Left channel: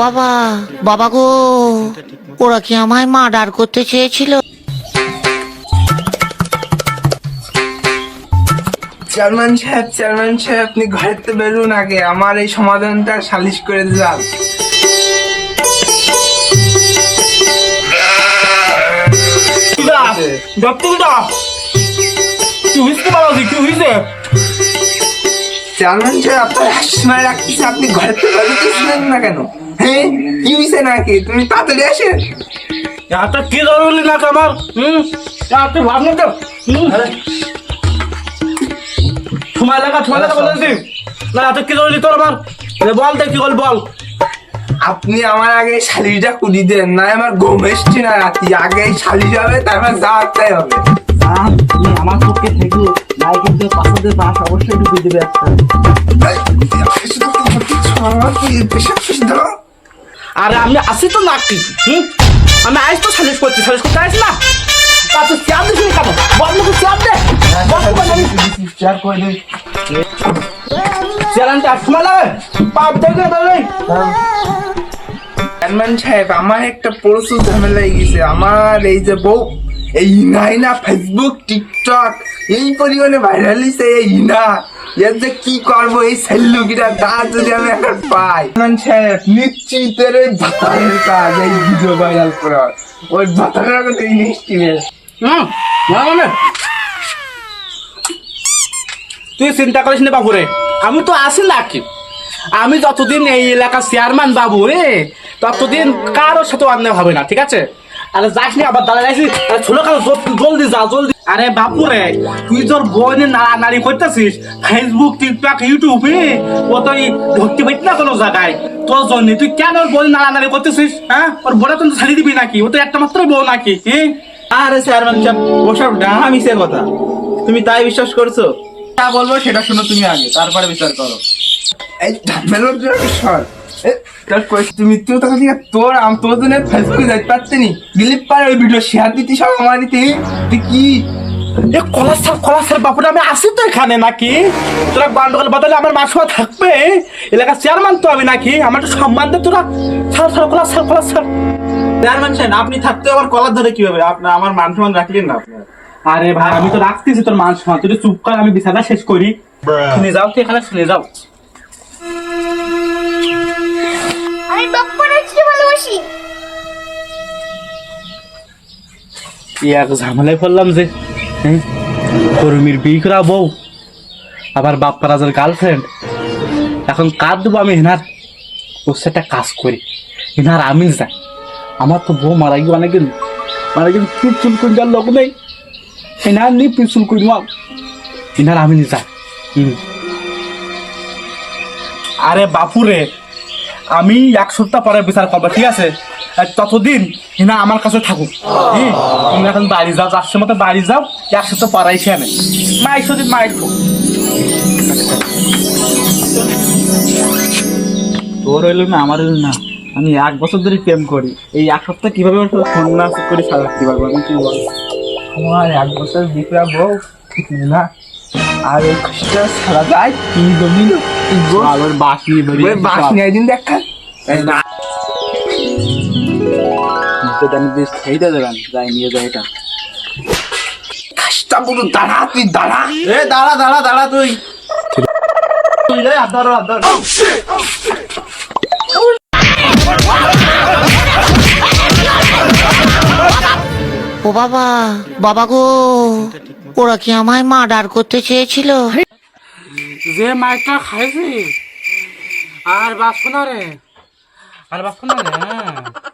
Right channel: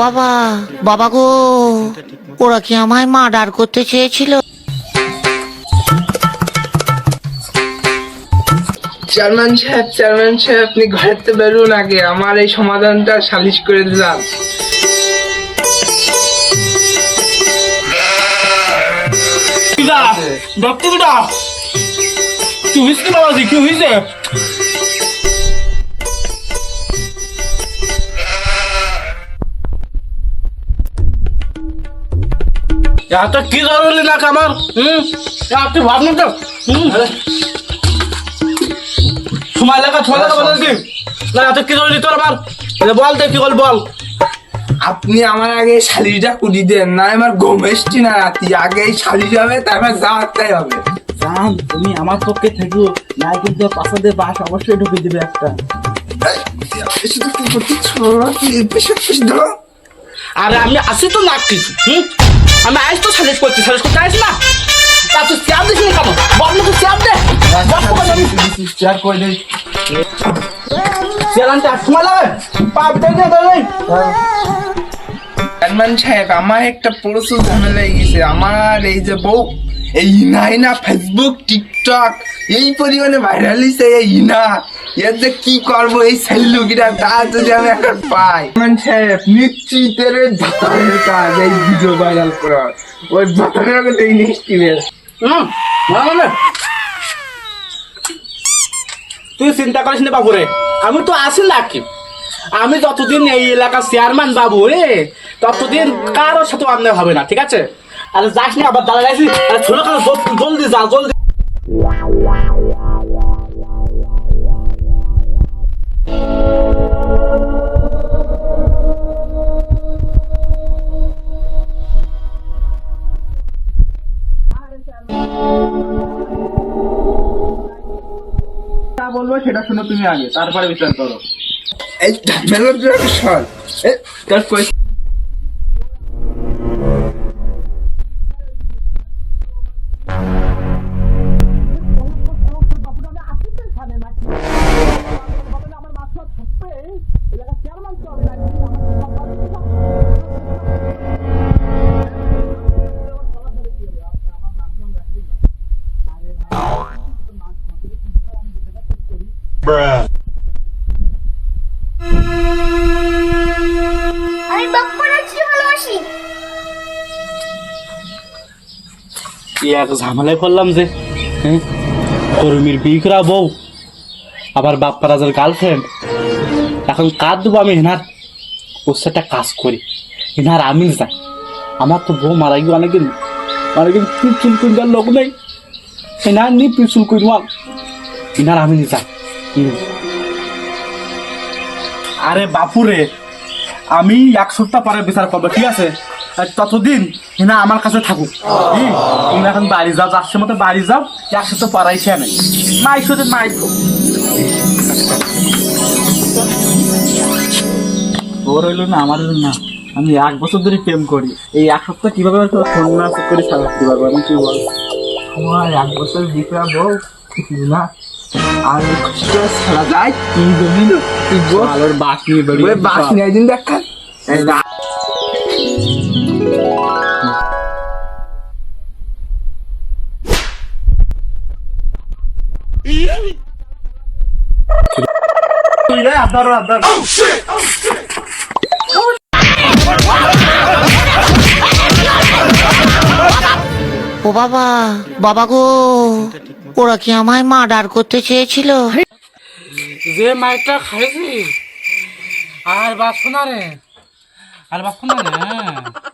বাবা বাবা গো, ওরা কি আমায় মার্ডার করতে চেয়েছিল? চেয়ারম্যান সাহেব চেয়ারম্যান সাহেব, আপনি ঘরেতে বেরুন আগে, আমার এই সমাধানটা সালিশ করে দিলাম। চেয়ারম্যান সাহেব, আপনার সময় রাখতেছে, আপনি ঘরেতে বেরোতেছিলেন না কেন? হ্যাঁ? কি হয়েছে নাকি? তুমি তাড়াতাড়ি আসেন। এত কি জরুরি না আমার? হুম? ভাবনা তো? হুম? সময় লাগা সময় লাগা বলছি না এত কি জরুরি তোর আমার? বল তো কি বল বল। আপনি আমার আগে শালিটা কুদি দেন না আমার ঘুম এসছি না রাতি আগে এই শালি যাবে তারপর যাওয়ারটাই হবে। তুমি আমার পক্ষে থেকো। নাই কিন্তু পাশাদের বাস অবশ্যই ঢুকে দেবে একটা। আরে আমি আসি তো না কিছু হুম? আমি আজ তো সালিশ করছি, সালিশ করতে আসি না? তা তুই চেয়ার দিস চেয়ার দে। তো চেয়ার করে দিস আসমা লাগে? পাপ দেখে সাহেব, আমার একটা পরশু ঝামেলা গেছে। আমার এই যে বউ এই ইনা ইনা ফেসবুক টিকটক এই পরিমাণে ভাইরাল হয়েছে এই ইনা। এর যে কি করব এই সেল্লুকিটা তা যদি আমি এখন পাই। সাহেব নিশ্চিতের ভাতারের কাজ এই ভিডিও ভাইরাল করা ওই এই নিশ্চিতের হুম না না, না তুই চিন্তা করিস না বাবু রে আমি তো আসি নাকি আমি যতদিন এই এলাকার চেয়ারম্যান বাবু রে ততদিন কারোর সাথে অন্যায় হবে না ঠিক আছে? আরে যাস নি আবার দাঁড়া যাইছি আরে ছোট কারও জলদি যা জলদি। আরে বাবু রে তুই তোর নাড়া নাড়ি করতেছিস? ফেসবুক টিকটক ইউটিউবে ও তো ধরতে না কোনো জায়গায়? তোর জন্য। তুই কেন ওর বোন নাড়া নাড়ি করতেছিস হ্যাঁ? ওর বোনে তুই ছাড়ি দিবি নাকি? ও তো একটা মাত্র বউ নাকি হ্যাঁ আরে সাহেব ওসব ডাহা মিশে কথা। তুমি তাই বিশ্বাস করছ? তা বলব সেটা শুনো তুমি আগে তারপরে বিচার করো। এই তোর মৃত্যু তখন থেকে তোর আম তোর জন্য ফেসবুকে যাইতে পারছি নি? দিলীপ পার ওই ভিডিও শেয়ার দিতি সব আমার দিতে। তুই কি? এ কলাসার কলাসার বাপুটা আমি আসি তো এখানে নাকি? তোরা গন্ডগোল বদলে আমার মাসুয়া থাকবে? এলাকার চেয়ারম্যান তো আমি নাকি। আমার তো সম্মান দে তোরা। ছাড় ছাড় কলাসার কলাসার চেয়ারম্যান সাহেব আপনি থাকতে আবার কলার ধরে কি হবে আপনার আমার মান সম্মান রাখলেন না আপনার। আরে ভাই আমি তো রাখতেছি তোর মান সম্মান। তুই চুপ কর আমি বিছানা শেষ করি। শুনে যাও তুই এখানে শুনে যাও। আমি বাপ্পার কি ভালোবাসি? এক ঝামেলায় পড়লাম যে হ্যাঁ? কর্মীর বিয়ে করা বউ আবার বাপ্পা রাজার গার্লফ্রেন্ড এখন কার দেবো আমি হেনার। ওর সাথে একটা কাজ করি। হেনার আমি যাই আমার তো বউ মারা গিয়ে অনেকদিন অনেকদিন পিছুল কুইন্টার লোক নেই। হেনার নি পিছুল কুইন হেনার আমি যাই হুম। আরে বাপুরে আমি এক সপ্তাহ পরে বিচার করব, ঠিক আছে? ততদিন হিনা আমার কাছে থাকুক। তুমি এখন বাড়ি যাও চারশো মতো বাড়ি যাও, এক সপ্তাহ পরাই নেই মাইক শুধু মাইক তোর হইল না, আমার হইল না। আমি এক বছর ধরে প্রেম করি। এই এক সপ্তাহ কীভাবে তোর সন্ন্যাস করে কি বল আমার এক বছর বিকরা বউ না। আর সারা যায় কি কাজটা পুরো দাঁড়া তুই দাঁড়া। এ দাঁড়া দাঁড়া দাঁড়া তুই। তুই রে আদার আদার ও বাবা বাবা গো ওরা কি আমায় মার্ডার করতে চেয়েছিল? যে মাইকটা খাইছি। আর বাসো না রে। আর বাসো না রে হ্যাঁ।